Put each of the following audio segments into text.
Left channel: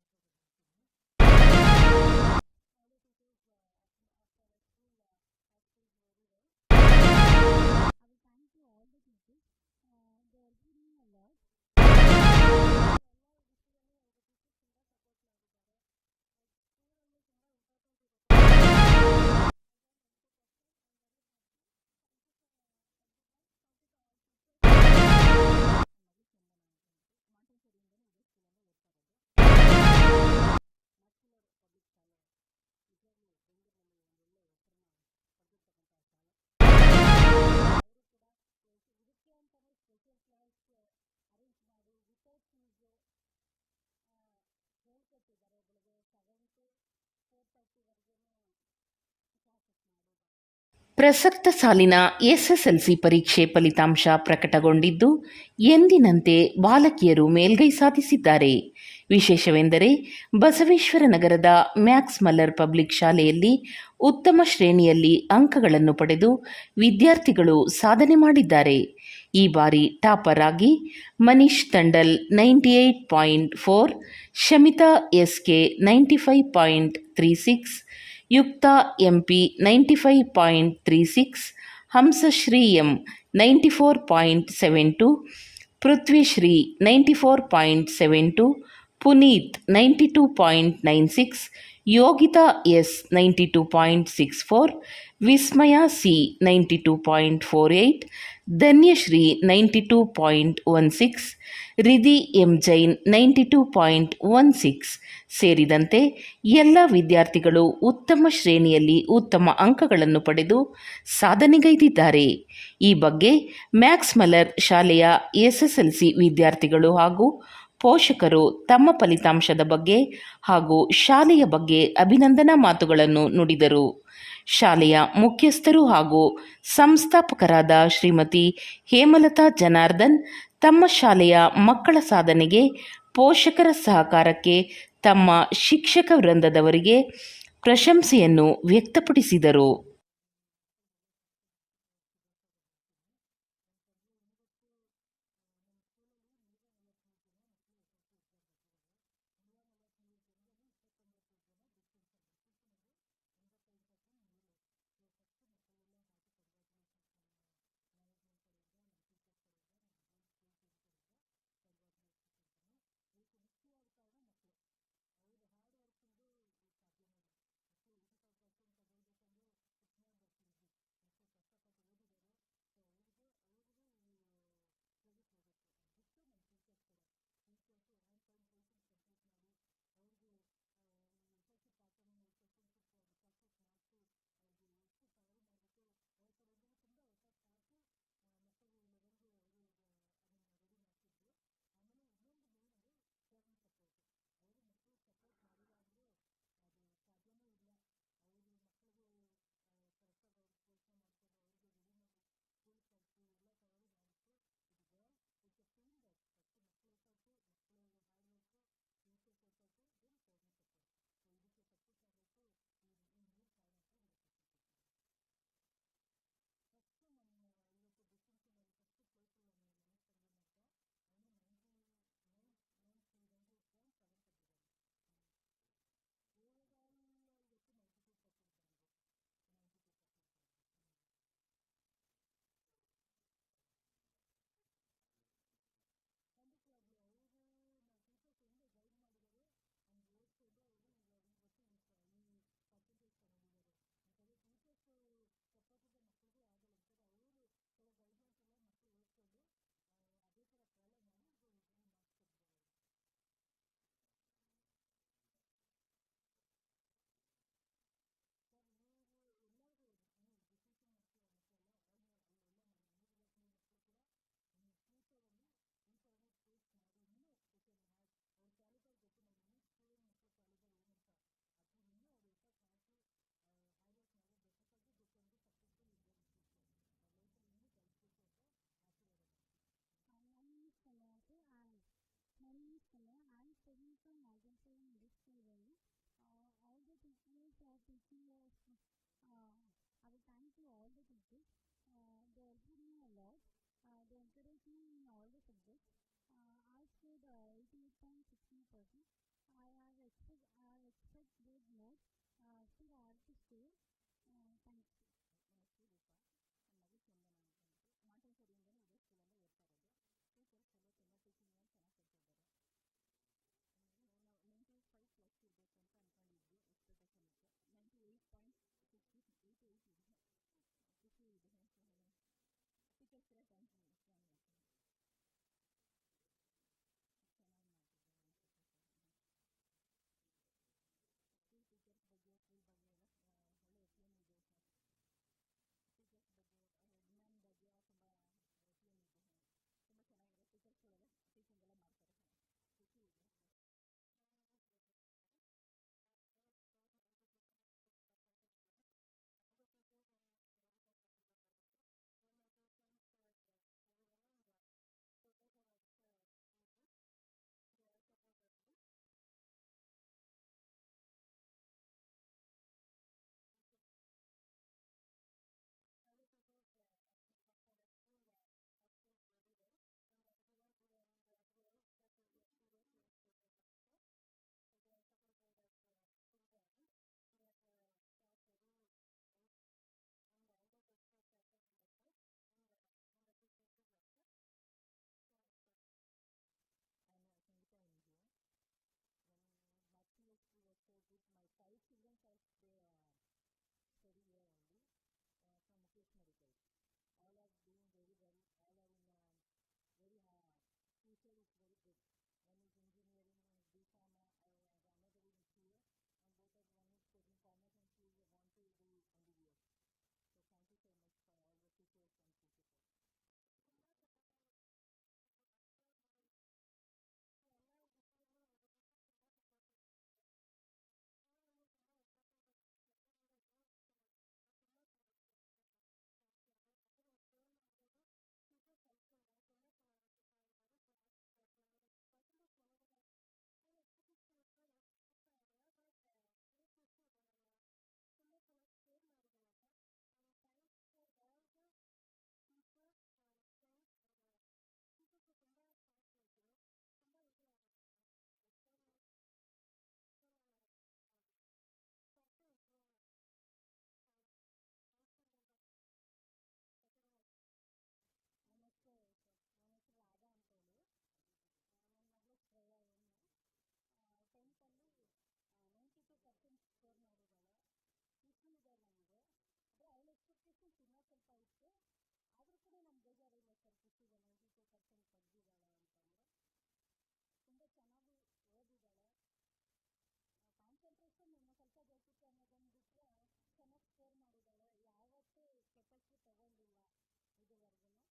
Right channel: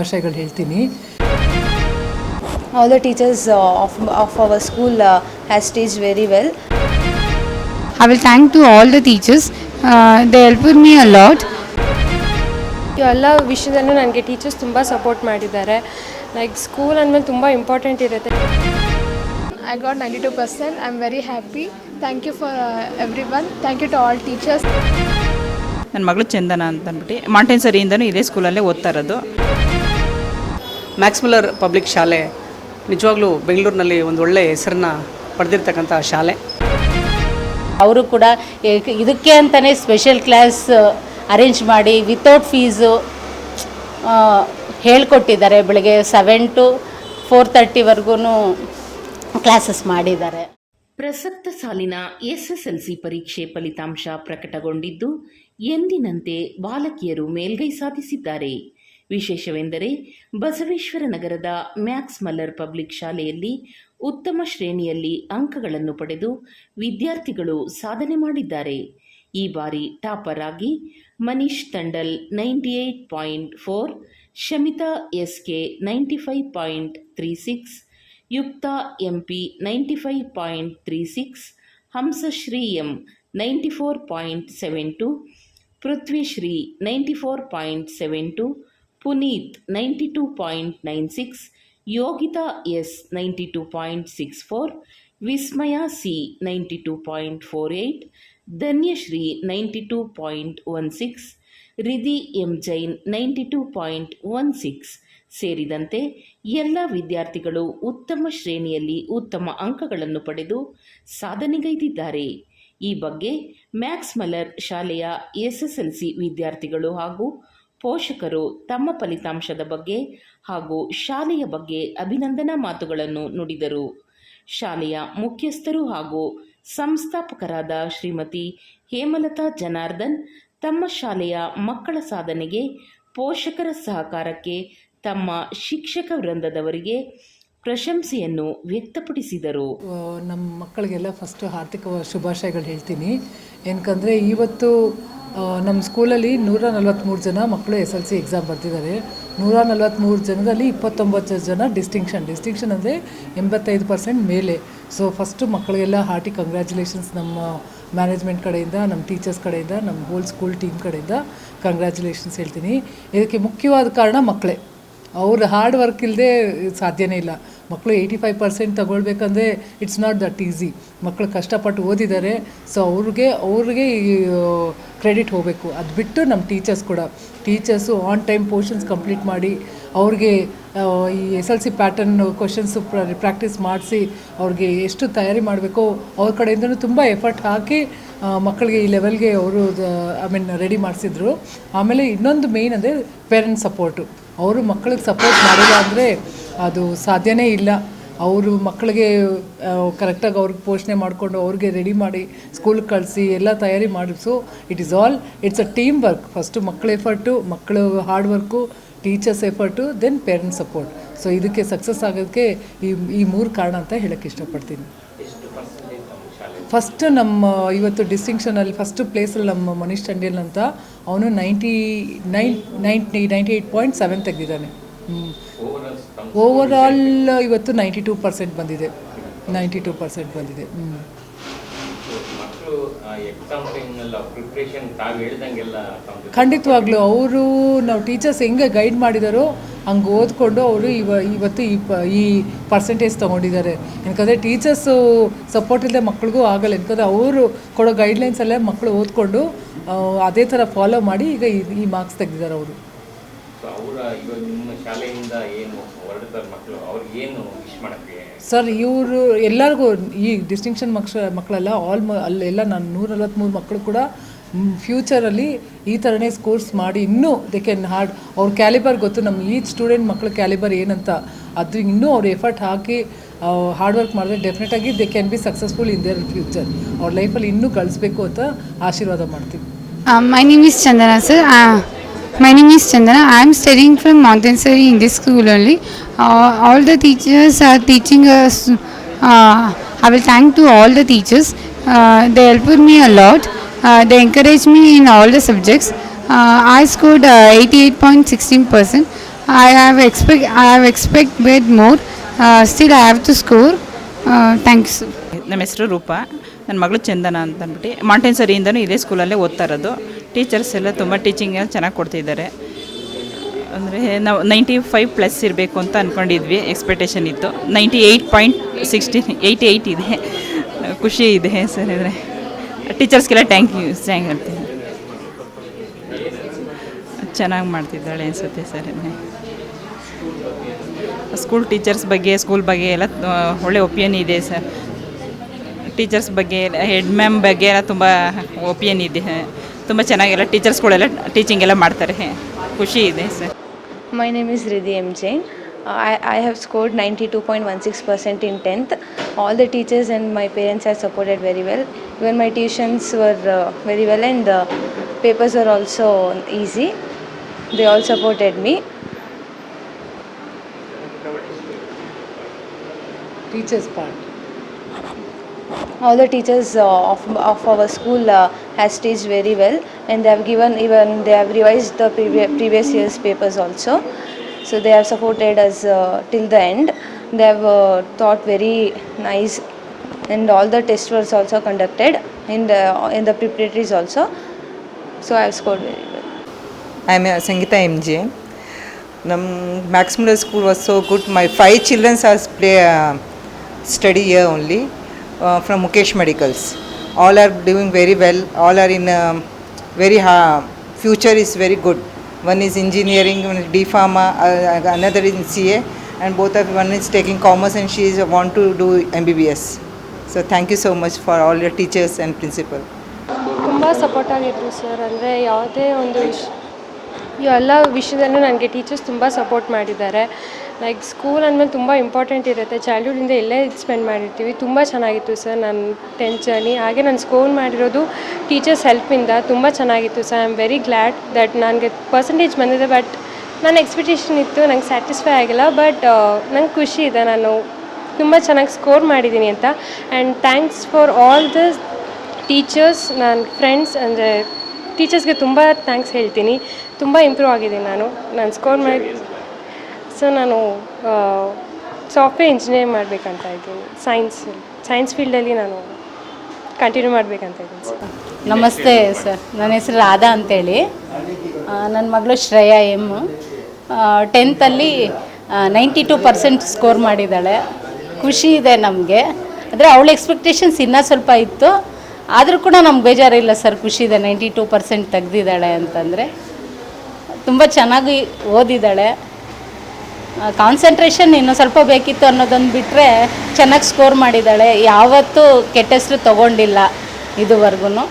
ಶುಭಾಶಯಗಳು ಹೇಳ್ತೀನಿ. All the teachers of our school has teach very well. I will thank to all the teachers. They helped me a lot. ಎಲ್ಲ ವಿಷಯದಲ್ಲೂ ನನಗೆ teachers ತುಂಬ support ಮಾಡಿದ್ದಾರೆ. Like school ಅಂದಮೇಲೆ ತುಂಬ ಇಂಪಾರ್ಟೆಂಟ್ ಇರುತ್ತೆ. I got 92%. I'm very happy. Thank you for everyone. Thank you to all teachers. ನನ್ನ ಮಗಳು ಚಂದನ ಅಂತ ಅಂದ್ಬಿಟ್ಟು ಮಾಂಟೇನ್ಸರಿಯಿಂದನೂ ಇದೇ ಸ್ಕೂಲಲ್ಲೇ ಓದ್ತಾ ಇರೋದು. ಮ್ಯಾಕ್ಸ್ ಮಿಲ್ಲರ್ ಪಬ್ಲಿಕ್ ಶಾಲೆ ನಿಜವಾಗ್ಲೂ ಬೆಂಗಳೂರಿನಲ್ಲಿ ಒಂದು ಒಳ್ಳೆಯ ಹೆಸರನ್ನ ಪಡೆದಿರ್ತಕ್ಕಂಥ ಶಾಲೆ. ಅವರು ಕೂಡ ಇದಕ್ಕೆ ಅಂತಲೇ ಸ್ಪೆಷಲ್ ಕ್ಲಾಸ್ ಅರೇಂಜ್ ಮಾಡಿ ವಿತೌಟ್ ಫೀಸು ಹೇಳ್ಕೊಟ್ಟಿದ್ದಾರೆ. ಬೆಳಗ್ಗೆ 7 to 4:30ವರೆಗೂ ಕ್ಲಾಸಸ್ ಮಾಡಿದ್ದಾರೆ. ಪ್ರಸಕ್ತ ಸಾಲಿನ ಎಸ್ಎಸ್ಎಲ್ಸಿ ಪರೀಕ್ಷೆ ಫಲಿತಾಂಶ ಪ್ರಕಟಗೊಂಡಿದ್ದು ಎಂದಿನಂತೆ ಬಾಲಕಿಯರು ಮೇಲ್ಗೈ ಸಾಧಿಸಿದ್ದಾರೆ. ವಿಶೇಷವೆಂದರೆ ಬಸವೇಶ್ವರ ನಗರದ ಮ್ಯಾಕ್ಸ್ ಮಲ್ಲರ್ ಪಬ್ಲಿಕ್ ಶಾಲೆಯಲ್ಲಿ ಉತ್ತಮ ಶ್ರೇಣಿಯಲ್ಲಿ ಅಂಕಗಳನ್ನು ಪಡೆದು ವಿದ್ಯಾರ್ಥಿಗಳು ಸಾಧನೆ ಮಾಡಿದ್ದಾರೆ. ಈ ಬಾರಿ ಟಾಪರ್ ಆಗಿ Manish Tandal 98.4, Shamita SK 95.36, Yukta MP 95.36, Hamsashree M 94.72, Prithvishree 94.72, Puneeth 92.96, Yogita S 92.64, Vismaya C 92.48, Dhanyashree 92.16, Ridhi M Jain 92.16 ಸೇರಿದಂತೆ ಎಲ್ಲ ವಿದ್ಯಾರ್ಥಿಗಳು ಉತ್ತಮ ಶ್ರೇಣಿಯಲ್ಲಿ ಉತ್ತಮ ಅಂಕಗಳನ್ನು ಪಡೆದು ಸಾಧನೆಗೈದಿದ್ದಾರೆ. ಈ ಬಗ್ಗೆ ಮ್ಯಾಕ್ಸ್ ಮಲ್ಲರ್ ಶಾಲೆಯ ಎಸ್ಎಸ್ಎಲ್ಸಿ ವಿದ್ಯಾರ್ಥಿಗಳು ಹಾಗೂ ಪೋಷಕರು ತಮ್ಮ ಫಲಿತಾಂಶದ ಬಗ್ಗೆ ಹಾಗೂ ಶಾಲೆಯ ಬಗ್ಗೆ ಅಭಿನಂದನಾ ಮಾತುಗಳನ್ನು ನುಡಿದರು. ಶಾಲೆಯ ಮುಖ್ಯಸ್ಥರು ಹಾಗೂ ಸಂಸ್ಥಾಪಕರಾದ ಶ್ರೀಮತಿ ಹೇಮಲತಾ ಜನಾರ್ದನ್ ತಮ್ಮ ಶಾಲೆಯ ಮಕ್ಕಳ ಸಾಧನೆಗೆ ಪೋಷಕರ ಸಹಕಾರಕ್ಕೆ ತಮ್ಮ ಶಿಕ್ಷಕ ವೃಂದದವರಿಗೆ ಪ್ರಶಂಸೆಯನ್ನು ವ್ಯಕ್ತಪಡಿಸಿದರು. ನಮ್ಮ ಮಕ್ಕಳಿಗೆಲ್ಲ ಫಸ್ಟು ಹಾರ್ದಿಕ ಶುಭಾಶಯಗಳು ಹೇಳ್ತೀನಿ. ಏನಕ್ಕಂದರೆ ಇವತ್ತು ನಮ್ಮ ಸ್ಕೂಲಲ್ಲಿ 143 ಜನ ಮಕ್ಕಳು SLC ಎಕ್ಸಾಮ್ ಬರ್ತಿದ್ದಾರೆ. 143 ಜನರಲ್ಲಿ 29 ಜನ ಡಿಸ್ಟಿಂಕ್ಷನ್ ಅಂದರೆ 85% ಮೇಲೆ. ಸೊ ಫಸ್ಟು ಮಕ್ಕಳಿಗೆಲ್ಲ ಹಾರ್ಟಿ ಕಂಗ್ರ್ಯಾಚುಲೇಷನ್ಸ್ ನಮ್ಮ ಮ್ಯಾನೇಜ್ಮೆಂಟ್ ಕಡೆಯಿಂದ, ನಮ್ಮ ಟೀಚರ್ಸ್ ಕಡೆಯಿಂದ, ನಮ್ಮ ಹೋಲ್ ಸ್ಕೂಲ್ ಟೀಮ್ ಕಡೆಯಿಂದ ಕಂಗ್ರ್ಯಾಚುಲೇಷನ್ಸ್ ಹೇಳ್ತೀನಿ. ಇದಕ್ಕೆ ಮುಖ್ಯವಾದ ಕಾರಣ ಮಕ್ಕಳೇ. ಅವ್ರ ಹಾರ್ಡ್ ವರ್ಕ್ ಇಲ್ಲದೆ ಸಾಧ್ಯನೇ ಇಲ್ಲ. ಮಕ್ಕಳು 85% ತಗೊಳ್ಬೇಕಂದ್ರೆ ಇಟ್ಸ್ ನಾಟ್ ದಟ್ ಈಸಿ. ಮಕ್ಕಳು ಕಷ್ಟಪಟ್ಟು ಓದಿದ್ದಾರೆ. ಸೊ ಅವ್ರಿಗೆ ಕ್ರೆಡಿಟ್ ಹೋಗಬೇಕು. ಅದು ಬಿಟ್ಟು ನಮ್ಮ teachers on time portions complete ಮಾಡಿ ಅವ್ರಿಗೆ ಈ SLC ಪ್ಯಾಟರ್ನ್ ಕ್ವಶನ್ಸು ಪ್ರಾಕ್ಟೀಸ್ ಮಾಡಿಸಿ ಅವ್ರಿಗೆ ಎಷ್ಟು ತಯಾರಿ ಮಾಡಬೇಕೋ ಅವ್ರ ಕಡೆಯಿಂದನೂ ತುಂಬ ಎಫರ್ಟ್ ಹಾಕಿ ಮಕ್ಕಳಿಗೆ ಈ ಲೆವೆಲ್ಗೆ ಅವರು ರೆಡಿ ಮಾಡಿಸಿದ್ರು. ಆಮೇಲೆ ಇನ್ನೊಂದು ಮೇಯ್ನ್ ಅಂದರೆ ಪೇರೆಂಟ್ಸ್ ಸಪೋರ್ಟು. ಅವರು ಮಕ್ಕಳಿಗೆ ಸಪೋರ್ಟ್ ಮಾಡಿಲ್ಲ ಅಂದರೆ ಅದು ಸಾಧ್ಯನೇ ಇಲ್ಲ. ಅವರು ಮಕ್ಕಳಿಗೆ ಕರೆಕ್ಟಾಗಿ ಅವ್ರಿಗೆ ಪೋಷಣೆ ಮಾಡಿಕೊಂಡು ಅವ್ರಿಗೆ ರೆಡಿ ಮಾಡಿ ಸ್ಕೂಲ್ಗೆ ಕಳಿಸಿ ಎಲ್ಲ ತಯಾರಿ ಮಾಡಿ. So it's a team work. First ಮಕ್ಕಳ ಎಫರ್ಟು, ಮಕ್ಕಳು hard work, teachers effort, then parents support. So ಇದಕ್ಕೆ ಸಕ್ಸಸ್ ಆಗೋದಕ್ಕೆ ಈ 3 ಕಾರಣ ಅಂತ ಹೇಳೋಕ್ಕೆ ಇಷ್ಟಪಡ್ತೀನಿ. ಫಸ್ಟ್ ನಮ್ಮ ಇವತ್ತು ಡಿಸ್ಟಿಂಕ್ಷನಲ್ಲಿ ಫಸ್ಟ್ ಪ್ಲೇಸಲ್ಲಿ ನಮ್ಮ ಮನೀಶ್ ತಂಡೇಲ್ ಅಂತ, ಅವನು 98.7 ತೆಗೆದಿದ್ದಾನೆ. ಓವರಾಲ್ ಇವತ್ತು 92% ಬಂದಿದೆ. 92% ಬಂದಿದೆ. ಖಂಡಿತವಾಗ್ಲೂ ಅವರು ನಾವು ಟೀಚರ್ಸ್ ಹೆಂಗೆ ಗೈಡ್ ಮಾಡಿದಾರೋ ಹಂಗೆ ಓದ್ಕೊಂಡು ಅವರು ಇವತ್ತು ಈ ಪರ್ಸೆಂಟೇಜ್ ತೊಗೊಂಡಿದ್ದಾರೆ. ಯಾಕಂದರೆ ಟೀಚರ್ಸು ಸಪೋರ್ಟ್ ಇಲ್ಲದೆ ಮಕ್ಳಿಗೂ ಆಗಲ್ಲ. ಯಾಕಂದರೆ ಅವರು ಕೊಡೋ ಗೈಡ್ಲೈನ್ಸಲ್ಲೇ ಮಕ್ಕಳು ಓದ್ಕೊಂಡು ಅದೇ ಥರ ಫಾಲೋ ಮಾಡಿ ಈಗ ಈ ಮಾರ್ಕ್ಸ್ ತೆಗೆದಿದ್ದಾರೆ ಅವರು. ಸರ್ ಇವರು ಎಲ್ಲರಿಗೂ ಈ ಡಿಸ್ಟಿಂಕ್ಷನ್ ಮಕ್ಕಳೆಲ್ಲ ಅಲ್ಲೆಲ್ಲ ನಾನು 143 ಮಕ್ಕಳು ಕೂಡ ಫ್ಯೂಚರಲ್ಲಿ ಈ ಥರನೇ ಸ್ಕೋರ್ಸ್ ಮಾಡಿ ಇನ್ನೂ ದೇ ಕ್ಯಾನ್ ಅವ್ರ ಕ್ಯಾಲಿಬರ್ ಗೊತ್ತು. ನಮ್ಮ ಈ ಸ್ಟೂಡೆಂಟ್ ಮಕ್ಕಳ ಕ್ಯಾಲಿಬರ್ ಏನಂತ ಅದು ಇನ್ನೂ ಅವ್ರು ಎಫರ್ಟ್ ಹಾಕಿ ಹಾರ್ಡ್ ವರ್ಕ್ ಮಾಡಿದ್ರೆ ಡೆಫಿನೆಟಾಗಿ they can be successful in their future. ಅವ್ರ ಲೈಫಲ್ಲಿ ಇನ್ನೂ ಕಳಿಸ್ಬೇಕು ಅಂತ ಆಶೀರ್ವಾದ ಮಾಡ್ತೀವಿ. My name is Chandana, sir. My name is Chandana. I am studying from Montessori in this school only. All the teachers are teaching us. I will thank to all the teachers. They helped me a lot. They encouraged me in all the subjects. I scored 88.16%. I have expected more. Still, I have to score. Thanks. ನಮ್ಮ ಹೆಸರು ರೂಪಾ, ನನ್ನ ಮಗಳು ಚಂದನ ಅಂತ ಅಂದ್ಬಿಟ್ಟು ಮಾಂಟೆಸರಿಯಿಂದನೂ ಇದೇ ಸ್ಕೂಲಲ್ಲೇ ಓದ್ತಾ ಇರೋದು. Teachers ಎಲ್ಲ ತುಂಬ ಟೀಚಿಂಗ್ ಚೆನ್ನಾಗಿ ಕೊಡ್ತಿದ್ದಾರೆ. ಅಂದರೆ ನಾವು 95+ ಇರಬೇಕು ಅಂತ ಅಂದ್ಕೊಂಡಿದ್ವಿ, ಎಕ್ಸ್ಪೆಕ್ಟೇಷನ್ ಇತ್ತು. 88 ಇದೆ. ಖುಷಿ ಇದೆ ಸರ್. ಅಂದರೆ ಟೀಚರ್ಸ್ಗೆಲ್ಲ ಥ್ಯಾಂಕ್ ಯು ಹೇಳ್ತೀನಿ. ಚೆನ್ನಾಗಿ ಮಾಡ್ತಿದ್ದಾಳೆ ಅನಿಸುತ್ತೆ ಸರ್. ಸ್ಕೂಲ್ ಟೀಚರ್ಸ್ ಬಗ್ಗೆ, ಸ್ಕೂಲ್ ಬಗ್ಗೆ ಎಲ್ಲ ಒಳ್ಳೆ ಒಪಿನಿಯನ್ ಇದೆ ಸರ್. ಟೀಚರ್ಸ್ ಬಗ್ಗೆ, ಹೆಡ್ ಮ್ಯಾಮ್ ಬಗ್ಗೆ ಎಲ್ಲ ತುಂಬ ಒಪಿನಿಯನ್ ಇದೆ. ತುಂಬ ಚೆನ್ನಾಗೆಲ್ಲ ಟೀಚರ್ಸ್ಗಳೆಲ್ಲ ಟೀಚಿಂಗ್ ಎಲ್ಲ ಮಾಡ್ತಾರೆ. ಖುಷಿ ಇದೆ sir. My name is Riddhi M. Jain. I have scored 92.16% in 10th. All the teachers and my parents have supported very well. Even my tuitions were very well, and the papers were also easy. They all supported me. Teachers part. All the teachers of our school has teached very well, and they have revised the previous year's papers also. So they have supported us till the end. They have taught very nice, and all the tests were also conducted in the preparatories also. So I have scored very well. I am Sangeeta MJ. Maximum school was so good. My 5 children are study here only from Mukesh Medicals. All are doing very well. All are in very future is very good. One is engineering, one is D Pharma, another is in CA, and one is taking commerce, and she want to do MBBS. So thank you so much for all your teachers and principal. ತುಂಬ support ಆಗಿದ್ರು sir. ಅಂದರೆ ಯಾವುದೇ ಒಂದು ಎಲ್ಲ ವಿಷಯದಲ್ಲೂ ನನಗೆ teachers ತುಂಬ support ಮಾಡಿದ್ದಾರೆ. ಲೈಕ್ ಸ್ಕೂಲ್ ಅಂದಮೇಲೆ ತುಂಬ ಇಂಪಾರ್ಟೆಂಟ್ ಇರುತ್ತೆ. ಚೈಲ್ಡ್ಹುಡ್ಡಿಂದ ಇಲ್ಲೇ ಸ್ಪೆಂಡ್ ಮಾಡಿರ್ತೀವಿ. ತುಂಬ ಚೆನ್ನಾಗಿತ್ತು ಸರ್ ನನ್ನ 10th ಜರ್ನಿ. ಹಾಗೆ ನಾನು ಸ್ಕೋರ್ ಮಾಡಿರೋದು ಟೀಚರ್ಸ್ ಹೆಲ್ಪಿಂದ ತುಂಬ ಚೆನ್ನಾಗಿತ್ತು sir. I am very glad that ನನಗೆ ಪರ್ಸೆಂಟೇಜ್ ಬಂದಿದೆ. ಬಟ್ ನನ್ನ ಎಕ್ಸ್ಪೆಕ್ಟೇಷನ್ ಇತ್ತು, ನಂಗೆ ಸ್ಯಾಟಿಸ್ಫೈ ಆಗಿಲ್ಲ. ಬಟ್ ನಂಗೆ ಖುಷಿ ಇದೆ ನಾನು ತುಂಬ ಚೆನ್ನಾಗಿ ಸ್ಕೋರ್ ಮಾಡಿದ್ದೀನಿ ಅಂತ. And thanks for all the teachers, ನನ್ನ ಫ್ರೆಂಡ್ಸ್. ಅಂದರೆ ಟೀಚರ್ಸ್ಗೆ ತುಂಬ ಥ್ಯಾಂಕ್ಸ್ ಹೇಳ್ತೀನಿ. ತುಂಬ ಇಂಪ್ರೂವ್ ಆಗಿದ್ದೀನಿ ನಾನು ಸ್ಕೋರ್ ಮಾಡಿ. ಸೊ ನಾನು ಸಾಫ್ಟ್ವೇರ್ ಇಂಜಿನಿಯರ್ ಮಾಡಬೇಕಂತ ಇದ್ದೀನಿ. ಸೈನ್ಸ್ ಫೀಲ್ಡಲ್ಲಿ ನಾನು ಕಂಟಿನ್ಯೂ ಮಾಡಬೇಕಂತ ಇದ್ದೀನಿ ಸರ್. ನಮಸ್ತೆ ಸರ್, ನನ್ನ ಹೆಸರು ರಾಧಾ ಅಂತೇಳಿ. ನನ್ನ ಮಗಳು ಶ್ರೇಯಾ ಎಮ್ 10th 92% ಸ್ಕೋರ್ ಮಾಡಿದ್ದಾಳೆ. ಖುಷಿ ಇದೆ ನಮಗೆ. ಅಂದರೆ ಅವಳ ಎಕ್ಸ್ಪೆಕ್ಟೇಷನ್ಸ್ ಇನ್ನೂ ಸ್ವಲ್ಪ ಇತ್ತು, ಆದರೂ ಕೂಡ ನಮ್ಗೆ ಬೇಜಾರಿಲ್ಲ ಸರ್. ಖುಷಿ ಇದೆ 92% ತೆಗೆದಿದ್ದಾಳೆ ಅಂತಂದರೆ. ತುಂಬ ಚೆನ್ನಾಗಿ ಓದಿದ್ದಾಳೆ. ಕಾನ್ಸಂಟ್ರೇಷನ್ ಇನ್ನೂ ಸ್ವಲ್ಪ ಬೇಕಿತ್ತು ಅನ್ನೋದೊಂದು ಬಿಟ್ಟರೆ ಚೆನ್ನಾಗಿ ಸ್ಕೋರ್ ಮಾಡಿದ್ದಾಳೆ. ಯಾವತ್ತೂ ಕೆಟ್ಟ ಹೆಸರು ತೊಗೊಂಡಿಲ್ಲ ಇದುವರೆಗೂ.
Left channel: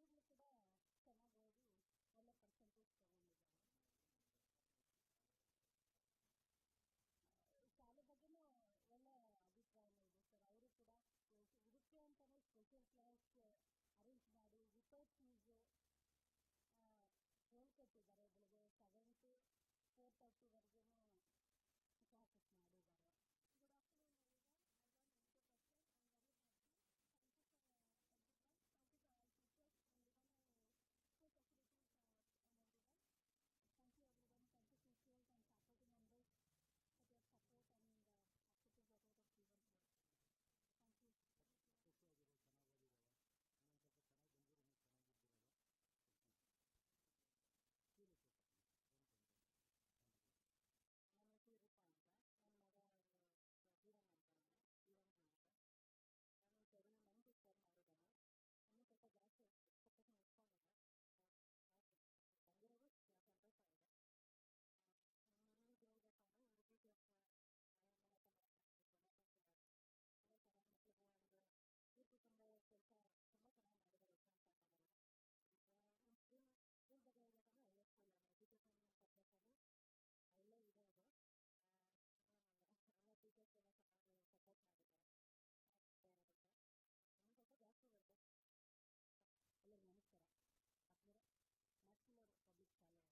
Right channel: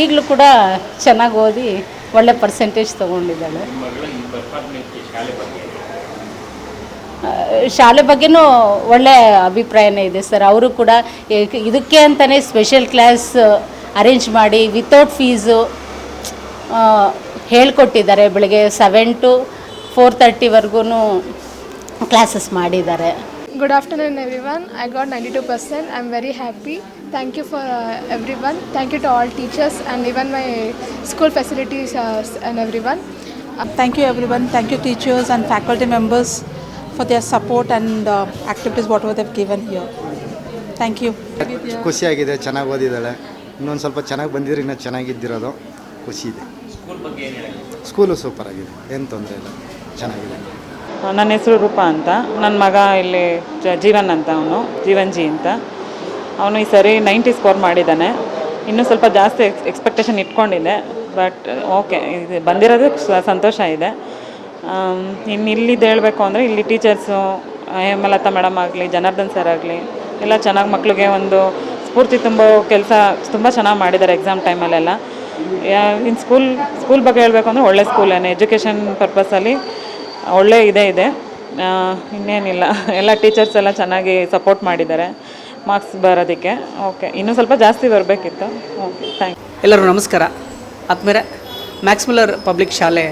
ಈಗಲೂ ಕೂಡ ಚೆನ್ನಾಗಿ ಓದಿ ಒಳ್ಳೆ ಪರ್ಸೆಂಟೇಜ್ ತೊಗೊಂಡಿದ್ದಾಳೆ. ಶಾಲೆ ಬಗ್ಗೆನೂ ಒಳ್ಳೆ ಅಭಿಪ್ರಾಯನೇ ಇದೆ ಸರ್. ಅವರು ಕೂಡ ಇದಕ್ಕೆ ಅಂತಲೇ ಸ್ಪೆಷಲ್ ಕ್ಲಾಸ್ ಅರೇಂಜ್ ಮಾಡಿ ವಿತೌಟ್ ಫೀಸು ಹೇಳ್ಕೊಟ್ಟಿದ್ದಾರೆ. ಬೆಳಗ್ಗೆ 7 to 4:30ವರೆಗೂ ಕ್ಲಾಸಸ್ ಮಾಡಿದ್ದಾರೆ. Good afternoon everyone. I got 92%. I'm very happy. Thank you for everyone. Thank you to all teachers and even my school facilities and everyone. Thank you everyone. Thank you teachers and faculty members for their support and activities whatever they've given here. Thank you. ಖುಷಿಯಾಗಿದೆ, ಚೆನ್ನಾಗಿ ಓದಿದ್ದಾಳೆ. ಇನ್ನೊಂದು ಸ್ವಲ್ಪ ಚೆನ್ನಾಗಿ ಬಂದಿದ್ರೆ ಇನ್ನೂ ಚೆನ್ನಾಗಿದ್ದಿರೋದು. ಖುಷಿ ಇದೆ. School super ಆಗಿದೆ, ಏನು ತೊಂದರೆ ಇಲ್ಲ, ಚೆನ್ನಾಗಿದೆ. ನನ್ನ ಹೆಸರು ರೂಪಾ ಅಂತ. ನನ್ನ ಮಗ ಇಲ್ಲಿ ಜೀವನ್ ಅಂತ, ಜೀವನ್ ಜಿ ಅಂತ. ಅವನು ಈ ಸರಿ 90 ಸ್ಕೋರ್ ಮಾಡಿದ್ದಾನೆ. ಇನ್ನೂ ಸ್ವಲ್ಪ ಜಾಸ್ತಿ ಎಕ್ಸ್ಪೆಕ್ಟೇಷನ್ ಇಟ್ಕೊಂಡಿದ್ದೆ. ಬಟ್ ಓಕೆ, ಇದು ಬಂದಿರೋದು ಸಂತೋಷ ಇದೆ. ಇನ್ನು ಇಲ್ಲಿದ್ದು ಹೇಳಬೇಕು ಅಂದರೆ ಇಲ್ಲಿ ಟೀಚರ್ಸು ಹೇಮಲತಾ ಮೇಡಮ್ ಆಗಲಿ, ಜನಾರ್ದನ್ ಸರ್ ಆಗಲಿ ಎಲ್ಲ ಚೆನ್ನಾಗಿ ಮಕ್ಕಳಿಗೆ ಒಂದು ಸ್ಫೂರ್ತಿ ತುಂಬೋ ಕೆಲಸ ತುಂಬ ಚೆನ್ನಾಗಿ ಮಾಡಿದ್ದಾರೆ ಎಕ್ಸಾಮ್ ಟೈಮಲ್ಲೆಲ್ಲ. ಇನ್ನು ಸ್ಕೂಲ್ ಬಗ್ಗೆ ಹೇಳಬೇಕು ಅಂದರೆ ಒಳ್ಳೆ ಸ್ಕೂಲೇನೆ, ಎಜುಕೇಷನ್ ಪರ್ಪಸಲ್ಲಿ ಒಳ್ಳೆ ಇದೆ. ಇನ್ನೇನಿಲ್ಲ, ಎಲ್ಲ ಟೀಚರ್ಸ್ ಎಲ್ಲ ಚೆನ್ನಾಗಿ ಸಪೋರ್ಟ್ ಮಾಡಿದ್ದಾರೆ ಮಾರ್ಕ್ಸ್ ಬರೋದಕ್ಕೆ. ಓಕೆ, ಇನ್ನೂ ಸ್ವಲ್ಪ ಜಾಸ್ತಿ ಬರಬೇಕಿತ್ತು. Okay, thank you. ಎಲ್ಲರೂ ನಮಸ್ಕಾರ. ಆದಮೇಲೆ ಮ್ಯಾಕ್ಸ್ಮಿಲ್ಲರ್ ಪಬ್ಲಿಕ್ ಶಾಲೆ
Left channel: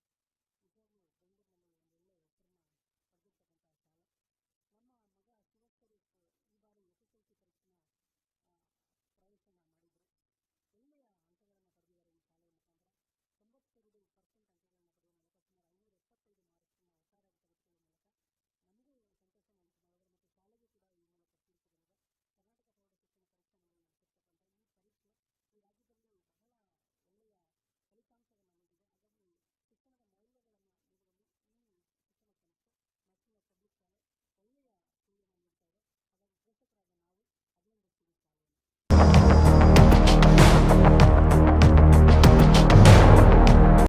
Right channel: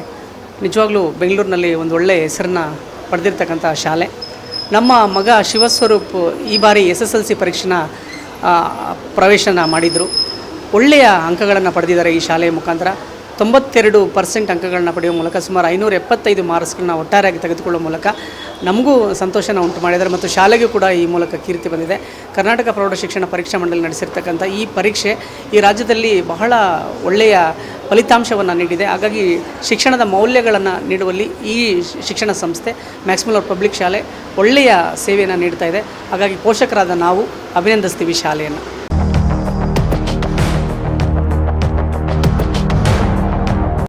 ನಿಜವಾಗ್ಲೂ ಬೆಂಗಳೂರಿನಲ್ಲಿ ಒಂದು ಒಳ್ಳೆಯ ಹೆಸರನ್ನ ಪಡೆದಿರ್ತಕ್ಕಂಥ ಶಾಲೆ. ನಮ್ಮ ಮಗ ಶಿವಸ್ವರೂಪ್ ಈ ಬಾರಿ SSLC ಪರೀಕ್ಷೆನ ಪ್ರವೇಶನ ಮಾಡಿದರು. ಒಳ್ಳೆಯ ಅಂಕಗಳನ್ನು ಪಡೆದಿದ್ದಾರೆ ಈ ಶಾಲೆಯ ಮುಖಾಂತರ. 92% ಅಂಕಗಳನ್ನ ಪಡೆಯುವ ಮೂಲಕ ಸುಮಾರು 575 ಮಾರ್ಕ್ಸ್ಗಳನ್ನ ಒಟ್ಟಾರೆಯಾಗಿ ತೆಗೆದುಕೊಳ್ಳುವ ಮೂಲಕ ನಮಗೂ ಸಂತೋಷನ ಉಂಟು ಮಾಡಿದ್ದಾರೆ ಮತ್ತು ಶಾಲೆಗೂ ಕೂಡ ಈ ಮೂಲಕ ಕೀರ್ತಿ ಬಂದಿದೆ. ಕರ್ನಾಟಕ ಪ್ರೌಢ ಶಿಕ್ಷಣ ಪರೀಕ್ಷಾ ಮಂಡಳಿ ನಡೆಸಿರ್ತಕ್ಕಂಥ ಈ ಪರೀಕ್ಷೆ ಈ ರಾಜ್ಯದಲ್ಲಿ ಬಹಳ ಒಳ್ಳೆಯ ಫಲಿತಾಂಶವನ್ನು ನೀಡಿದೆ. ಹಾಗಾಗಿ ಶಿಕ್ಷಣದ ಮೌಲ್ಯಗಳನ್ನು ನೀಡುವಲ್ಲಿ ಈ ಶಿಕ್ಷಣ ಸಂಸ್ಥೆ ಮ್ಯಾಕ್ಸ್ಮುಲ್ಲರ್ ಪಬ್ಲಿಕ್ ಶಾಲೆ ಒಳ್ಳೆಯ ಸೇವೆಯನ್ನು ನೀಡ್ತಾ ಇದೆ. ಹಾಗಾಗಿ ಪೋಷಕರಾದ ನಾವು ಅಭಿನಂದಿಸ್ತೀವಿ ಶಾಲೆಯನ್ನು.